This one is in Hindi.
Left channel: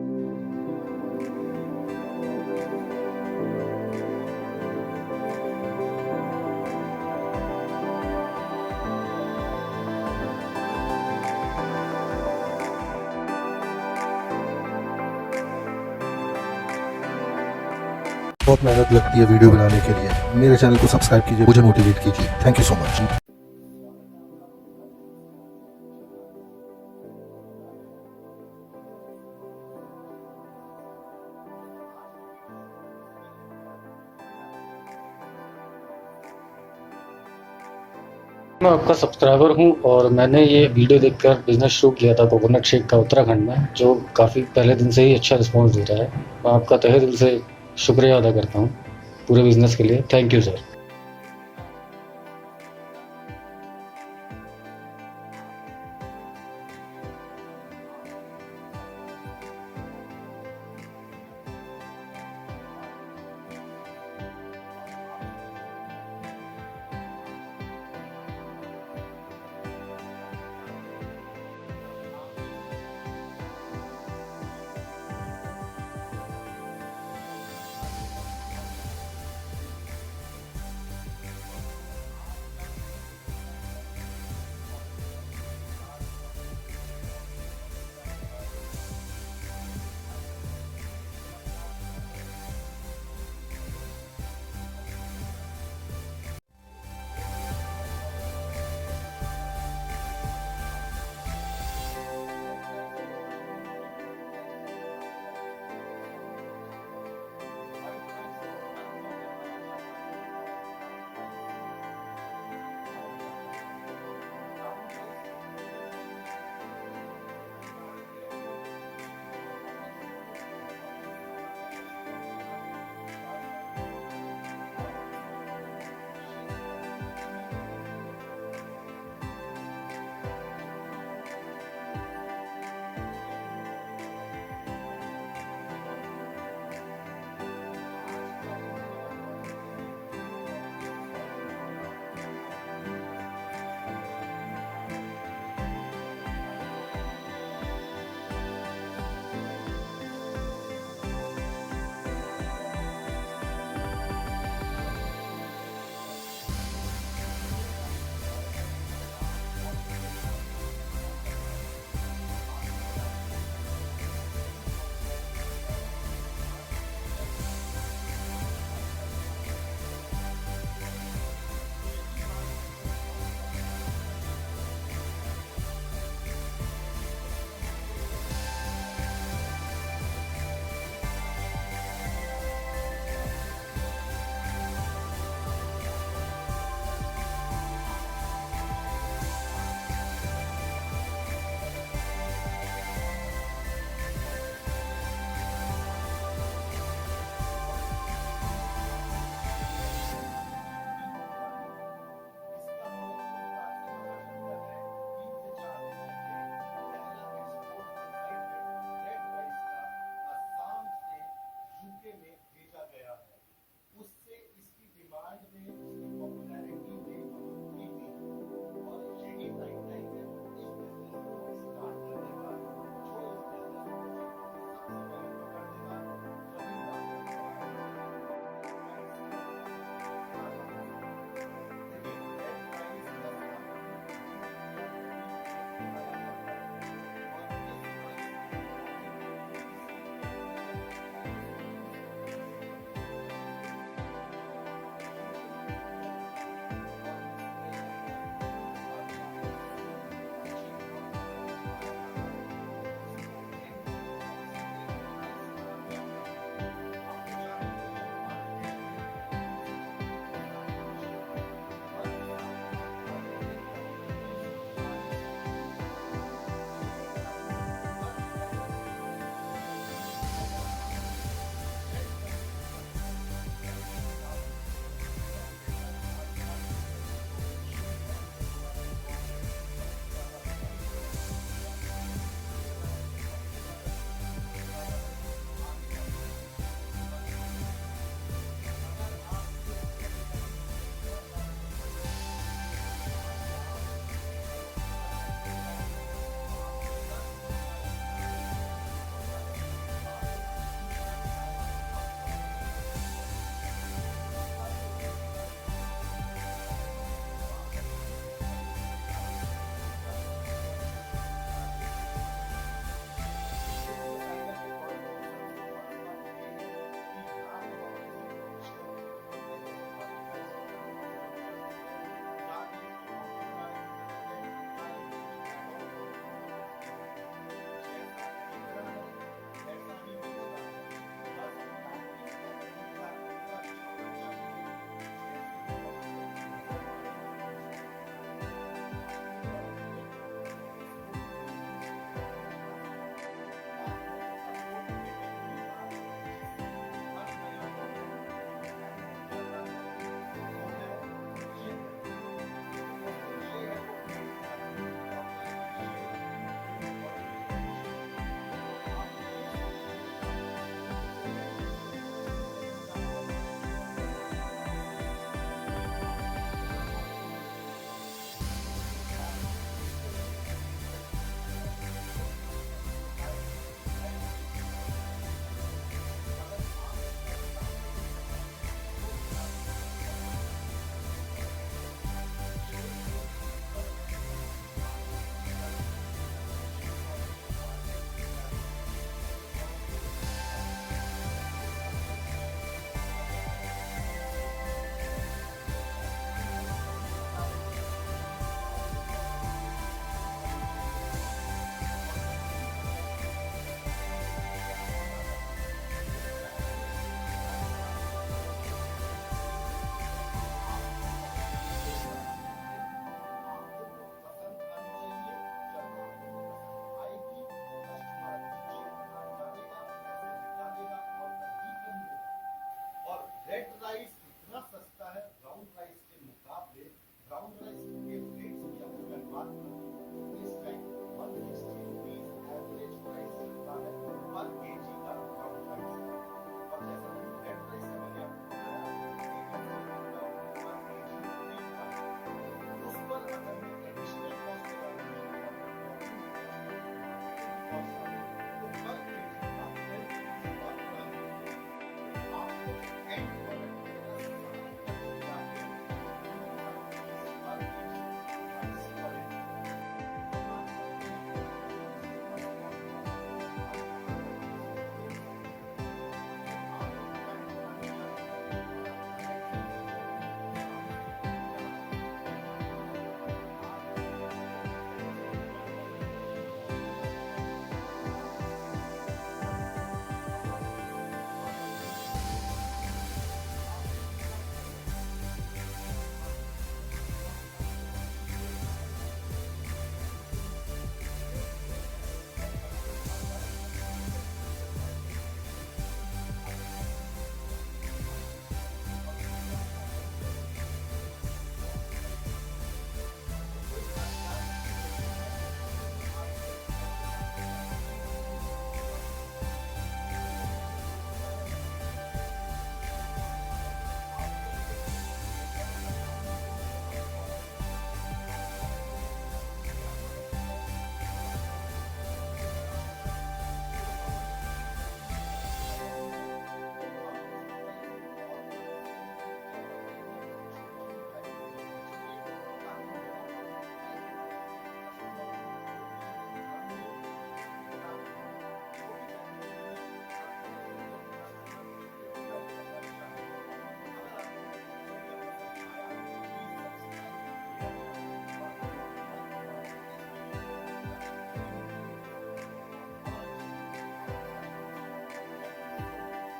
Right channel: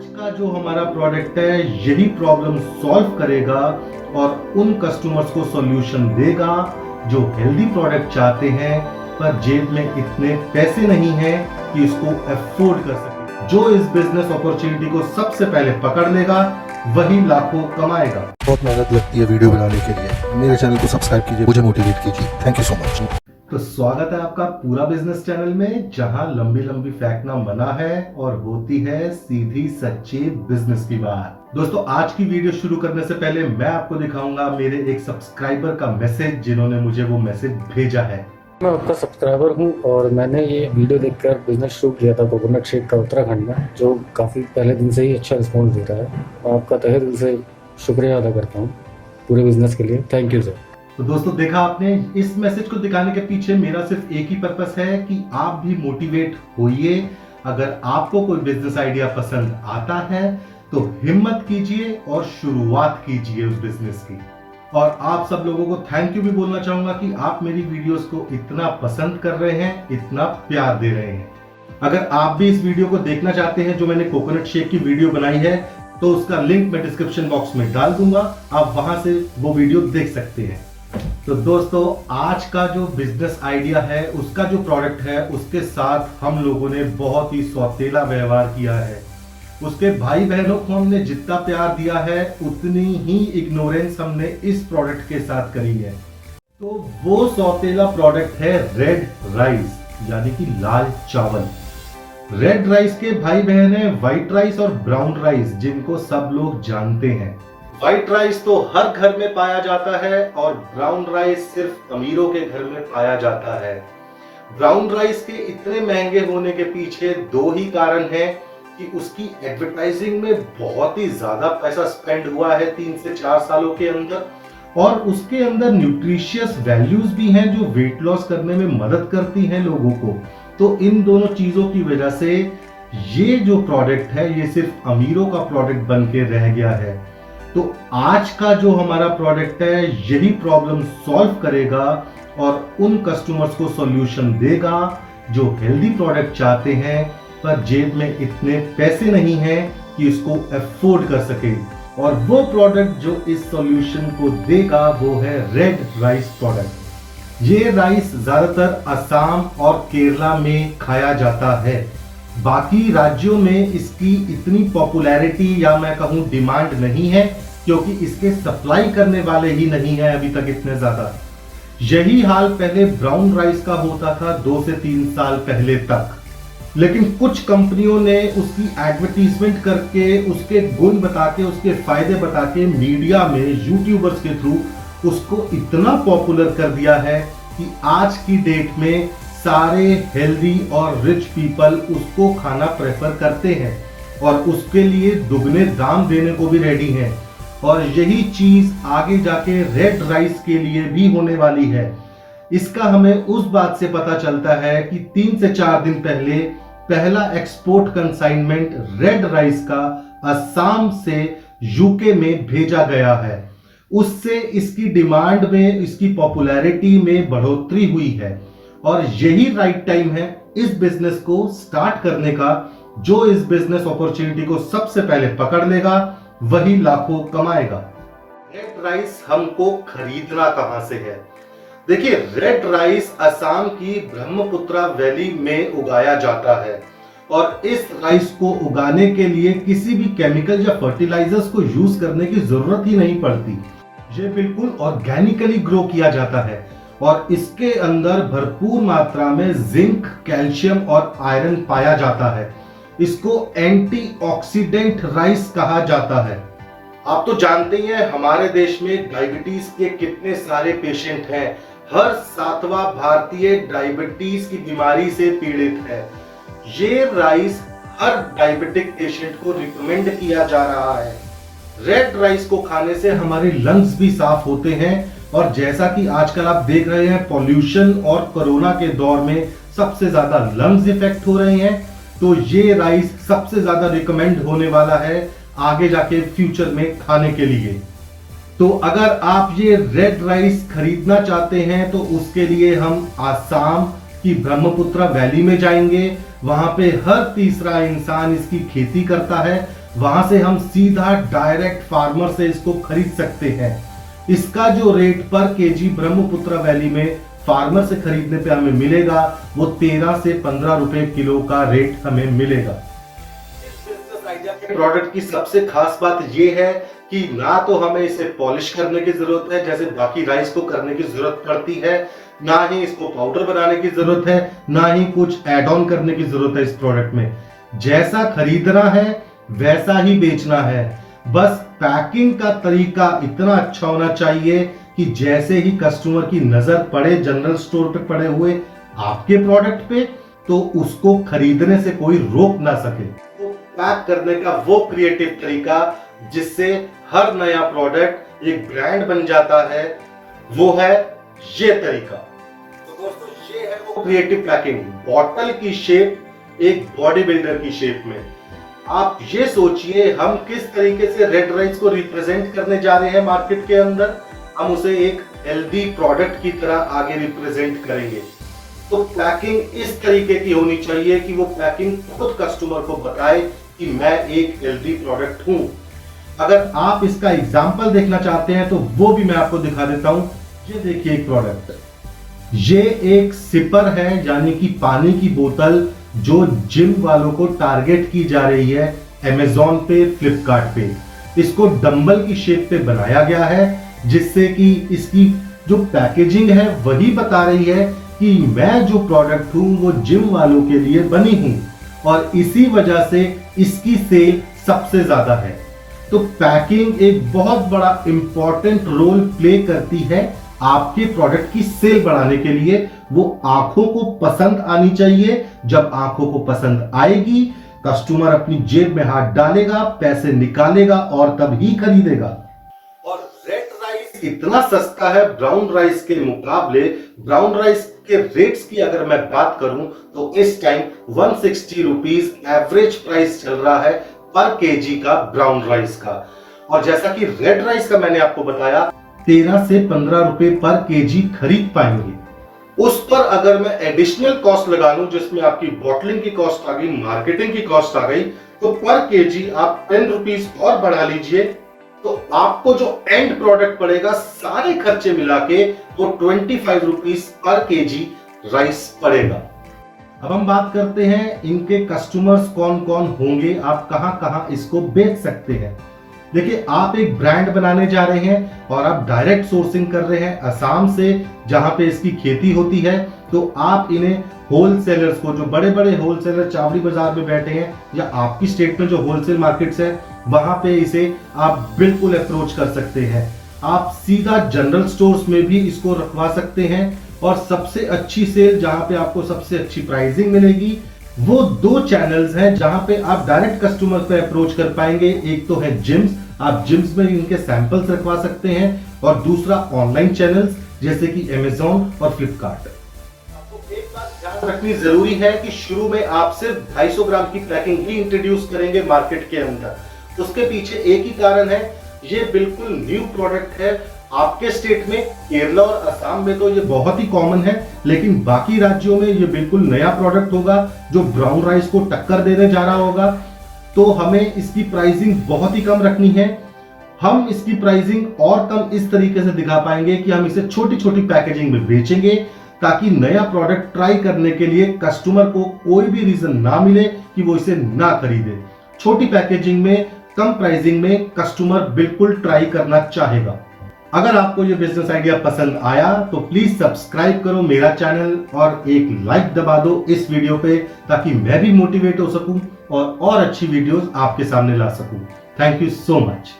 आज का जो हमारा प्रोडक्ट है यही प्रॉब्लम सॉल्व करेगा और उन कस्टमर्स को सॉल्यूशन देगा जो हेल्दी प्रोडक्ट चाहते हैं पर जेब में इतने पैसे नहीं है कि इसको अफोर्ड कर सके। जो इस बिजनेस अपॉर्चुनिटी को सबसे पहले पकड़ लेगा वही लाखों कमाएगा। बहुत मेहनत लगती है वीडियो बनाने के लिए। मेरे चैनल को सब्सक्राइब कीजिए, मुझे मोटिवेट कीजिए। Thank you so much. तो स्वागत है आपका पूरा बिजनेस चैनल में, जहां लंबी लंबी फैक्ट ना बना है और होती है सीधी सच्ची बिजनेस की बात। दोस्तों, आज की वीडियो शुरू करने से पहले मैं आपको दिखाऊंगा मेरे एक सब्सक्राइबर का मैसेज, जिन्होंने मुझे वो मैसेज भेजा है। मैं आपका सब्सक्राइबर हूं और मैंने ये वीडियो देखकर बिजनेस शुरू किया था कोकोनट शेक का उत्तराखंड में, जो काफ़ी पहले दिन से ही अच्छा रिस्पॉन्स दे रहा है। मैं आपका तहे दिल से शुक्रिया अदा करता हूं पूरे बिजनेस के लिए। Thank you sir. तो दोस्तों, देखा आपने, इस मैसेज को दिखाने के पीछे मेरा सिर्फ एक ही पर्पस है कि आप भी मोटिवेट होइए। अगर आपको कोई बिजनेस आइडिया पसंद आता है तो हिम्मत कीजिए और शुरुआत कीजिए उस बिजनेस की। और आप सब लोगों को थैंक यू भी बोलना चाहूंगा कि आप मेरी वीडियोस को इतना पसंद कर रहे हैं, इतना प्यार दे रहे हैं। अगर आप भी इस वीडियो को देखना चाहते हैं जो मैंने कोकोनट शेक की वीडियो बनाई है, तो उसका लिंक मैं डिस्क्रिप्शन बॉक्स में डाल दूंगा, आप वहां से वो वीडियो देख सकते हैं। तो दोस्तों, आज का जो बिजनेस आइडिया है, उसका जो प्रोडक्ट है, उसके साथ हम लोगों ने बहुत ही सौतेला व्यवहार किया है। उसके भाई बहनों को हमने जितना प्यार दिया है उतनी ही इग्नोरेंस हमने इस प्रोडक्ट के साथ करी है। तो वो सौतेला प्रोडक्ट है रेड राइस, यानी कि लाल चावल। रेड राइस के भाई बहन है व्हाइट राइस और ब्राउन राइस, जिनको सब लोग जानते हैं। व्हाइट राइस तो हर घर में पाया जाता है और ब्राउन राइस सिर्फ अमीरों के घर में पाया जाता है। ब्राउन राइस के इतने महंगे होने के पीछे दो ही कारण हैं कि उसकी एडवर्टाइजिंग में बहुत ही ज्यादा पैसा स्पेंड हुआ है 3 से 4 सालों के अंदर, और उसके अंदर न्यूट्रिशियस वैल्यूज भी हैं जो वेट लॉस करने में मदद करती हैं लोगों को। तो इन दोनों चीजों की वजह से ये जो प्रोडक्ट है ये सिर्फ अमीरों का प्रोडक्ट बन के रह गया है। तो आज का जो हमारा प्रोडक्ट है यही प्रॉब्लम सॉल्व करेगा और उन कस्टमर्स को सॉल्यूशन देगा जो हेल्दी प्रोडक्ट चाहते हैं पर जेब में इतने पैसे नहीं है कि इसको अफोर्ड कर सके। और वो प्रोडक्ट जो इस सॉल्यूशन को देगा वो है रेड राइस प्रोडक्ट। ये राइस ज्यादातर असम और केरला में खाया जाता है। बाकी राज्यों में इसकी इतनी पॉपुलैरिटी या मैं कहूं डिमांड नहीं है, क्योंकि इसके सप्लाई करने वाले ही नहीं है अभी तक इतने ज्यादा। यही हाल पहले ब्राउन राइस का होता था 2 से 3 साल पहले तक, लेकिन कुछ कंपनियों ने उसकी एडवर्टीजमेंट करके, उसके गुण बता के, उसके फायदे बता के मीडिया में यूट्यूबर्स के थ्रू उसको इतना पॉपुलर कर दिया है कि आज की डेट में सारे हेल्दी और रिच पीपल उसको खाना प्रेफर करते हैं और उसके लिए दुगने दाम देने को भी रेडी हैं। और यही चीज आगे जाके रेड राइस के लिए भी होने वाली है। इसका हमें उस बात से पता चलता है कि 3 से 4 दिन पहले पहला एक्सपोर्ट कंसाइनमेंट रेड राइस का असम से यूके में भेजा गया है। उससे इसकी डिमांड में, इसकी पॉपुलैरिटी में बढ़ोतरी हुई है और यही राइट टाइम है इस बिजनेस को स्टार्ट करने का। जो इस बिजनेस अपॉर्चुनिटी को सबसे पहले पकड़ लेगा वही लाखों कमाएगा। रेड राइस हमको खरीदना कहां से है? देखिए, रेड राइस असम की ब्रह्मपुत्रा वैली में उगाया जाता है और इस राइस को उगाने के लिए किसी भी केमिकल या फर्टिलाइजर्स को यूज करने की जरूरत ही नहीं पड़ती। ये बिल्कुल ऑर्गेनिकली ग्रो किया जाता है और इसके अंदर भरपूर मात्रा में जिंक, कैल्शियम और आयरन पाया जाता है। इसको एंटीऑक्सीडेंट राइस कहा जाता है। आप तो जानते ही हैं हमारे देश में डायबिटीज के कितने सारे पेशेंट हैं। हर 7वां भारतीय डायबिटीज की बीमारी से पीड़ित है। ये राइस हर डायबिटिक पेशेंट को रिकमेंड किया जा रहा है। रेड राइस को खाने से हमारे लंग्स भी साफ होते हैं और जैसा कि आजकल आप देख रहे हैं पॉल्यूशन और कोरोना के दौर में सबसे ज्यादा लंग्स इफेक्ट हो रहे हैं, तो ये राइस सबसे ज्यादा रिकमेंड होने वाला है आगे जाके फ्यूचर में खाने के लिए। तो अगर आप ये रेड राइस खरीदना चाहते हैं तो उसके लिए हम आसाम की ब्रह्मपुत्रा वैली में जाएंगे, वहां पे हर तीसरा इंसान इसकी खेती करता है। वहां से हम सीधा डायरेक्ट फार्मर से इसको खरीद सकते हैं। इसका जो रेट पर केजी ब्रह्मपुत्र वैली में फार्मर से खरीदने पे हमें मिलेगा वो 13 से 15 रुपए किलो का रेट हमें मिलेगा। प्रोडक्ट की सबसे खास बात ये है कि ना तो हमें इसे पॉलिश करने की जरूरत है जैसे बाकी राइस को करने की जरूरत पड़ती है, ना ही इसको पाउडर बनाने की जरूरत है, ना ही कुछ एड ऑन करने की जरूरत है। इस प्रोडक्ट में जैसा खरीदना है वैसा ही बेचना है। बस पैकिंग का तरीका इतना अच्छा होना चाहिए कि जैसे ही कस्टमर की नजर पड़े जनरल स्टोर पे पड़े हुए आपके प्रोडक्ट पे तो उसको खरीदने से कोई रोक ना सके। तो पैक करने का वो क्रिएटिव तरीका जिससे हर नया प्रोडक्ट एक ब्रांड बन जाता है वो है ये तरीका। तो दोस्तों ये है वो क्रिएटिव पैकिंग। बॉटल की शेप एक बॉडी बिल्डर की शेप में। आप ये सोचिए हम किस तरीके से रेड राइस को रिप्रेजेंट करने जा रहे हैं मार्केट के अंदर। हम उसे एक हेल्दी प्रोडक्ट की तरह आगे रिप्रेजेंट करेंगे। तो पैकिंग इस तरीके की होनी चाहिए कि वो पैकिंग खुद कस्टमर को बताए कि मैं एक हेल्दी प्रोडक्ट हूं। अगर आप इसका एग्जांपल देखना चाहते हैं तो वो भी मैं आपको दिखा देता हूं। ये देखिए एक प्रोडक्ट, ये एक सिपर है यानी कि पानी की बोतल जो जिम वालों को टारगेट की जा रही है अमेज़न पे, फ्लिपकार्ट पे। इसको डंबल की शेप पे बनाया गया है जिससे कि इसकी जो पैकेजिंग है वही बता रही है कि मैं जो प्रोडक्ट हूं वो जिम वालों के लिए बनी हूं और इसी वजह से इसकी सेल सबसे ज्यादा है। तो पैकिंग एक बहुत बड़ा इंपॉर्टेंट रोल प्ले करती है आपके प्रोडक्ट की सेल बढ़ाने के लिए। वो आंखों को पसंद आनी चाहिए। जब आंखों को पसंद आएगी कस्टमर अपनी जेब में हाथ डालेगा, पैसे निकालेगा और तब ही खरीदेगा। और रेड राइस इतना सस्ता है ब्राउन राइस के मुकाबले। ब्राउन राइस के रेट्स की अगर मैं बात करूं तो इस टाइम 160 रुपीज एवरेज प्राइस चल रहा है पर केजी का ब्राउन राइस का। और जैसा कि रेड राइस का मैंने आपको बताया 13 से 15 रुपए पर केजी खरीद पाएंगे। उस पर अगर मैं एडिशनल कॉस्ट लगा लूं जिसमें आपकी बॉटलिंग की कॉस्ट आ गई, मार्केटिंग की कॉस्ट आ गई, तो पर केजी आप 10 रुपीज और बढ़ा लीजिए तो आपको जो एंड प्रोडक्ट पड़ेगा सारे खर्चे मिला के तो 25 रुपीज पर केजी राइस पड़ेगा। अब हम बात करते हैं इनके कस्टमर्स कौन कौन होंगे, आप कहां कहां इसको बेच सकते हैं। देखिए आप एक ब्रांड बनाने जा रहे हैं और आप डायरेक्ट सोर्सिंग कर रहे हैं असम से जहां पे इसकी खेती होती है। तो आप इन्हें होलसेलर्स को, जो बड़े बड़े होलसेलर चावड़ी बाजार में बैठे हैं या आपकी स्टेट में जो होलसेल मार्केट्स है वहां पे इसे आप बिल्कुल अप्रोच कर सकते हैं। आप सीधा जनरल स्टोर्स में भी इसको रखवा सकते हैं और सबसे अच्छी सेल जहां पे आपको सबसे अच्छी प्राइसिंग मिलेगी वो 2 चैनल्स हैं जहां पे आप डायरेक्ट कस्टमर पे अप्रोच कर पाएंगे। एक तो है जिम्स, आप जिम्स में इनके सैंपल्स रखवा सकते हैं और दूसरा ऑनलाइन चैनल्स जैसे कि अमेज़न और फ्लिपकार्ट। आपको एक बात ध्यान रखनी जरूरी है कि शुरू में आप सिर्फ 250 ग्राम की पैकिंग ही इंट्रोड्यूस करेंगे मार्केट के अंदर। उसके पीछे एक ही कारण है, ये बिल्कुल न्यू प्रोडक्ट है। आपके स्टेट में केरला और असम में तो ये बहुत ही कॉमन है, लेकिन बाकी राज्यों में ये बिल्कुल नया प्रोडक्ट होगा जो ब्राउन राइस को टक्कर देने जा रहा होगा। तो हमें इसकी प्राइसिंग बहुत ही कम रखनी है। हम इसकी प्राइसिंग और कम इस तरीके से दिखा पाएंगे कि हम इसे छोटी छोटी पैकेजिंग में बेचेंगे ताकि नया प्रोडक्ट ट्राई करने के लिए कस्टमर को कोई भी रीजन ना मिले कि वो इसे ना खरीदे। छोटी पैकेजिंग में, कम प्राइसिंग में कस्टमर बिल्कुल ट्राई करना चाहेगा। अगर आपको ये बिजनेस आइडिया पसंद आया तो प्लीज सब्सक्राइब करो मेरा चैनल और एक लाइक दबा दो इस वीडियो पे ताकि मैं भी मोटिवेट हो सकूं और अच्छी वीडियोस आपके सामने ला सकूं। Thank you so much.